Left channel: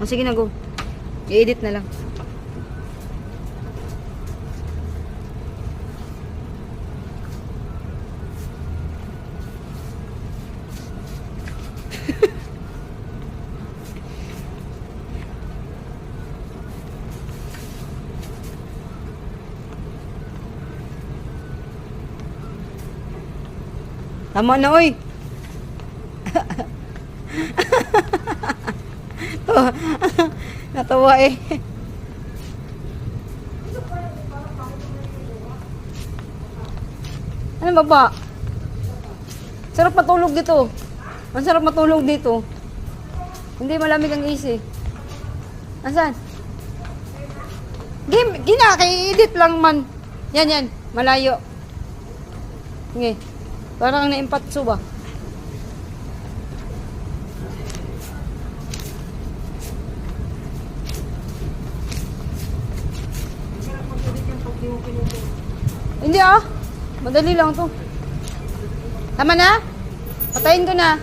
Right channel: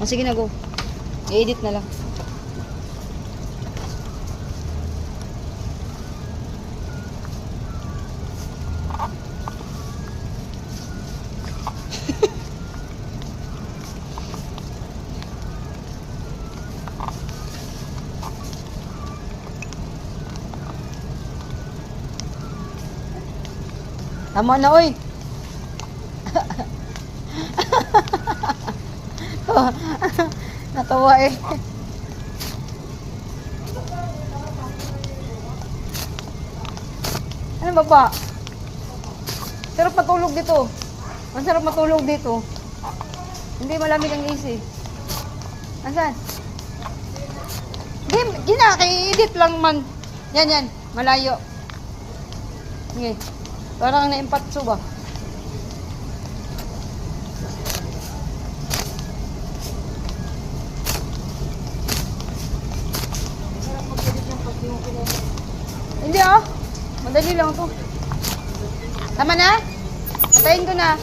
O sige na, go. I-edit na lang. Tama na, oy. Natawa eh. Ano ba ba? Sarap matulog dito. Ang sarap matulog dito. Hindi malamig ang AC. Asan? Di na, kay-edit lang man. Yan, yan. Malayo. Okay. Parang na-impatso ba? Hindi ah. Madali lang to. Tama na? Patayin ko na.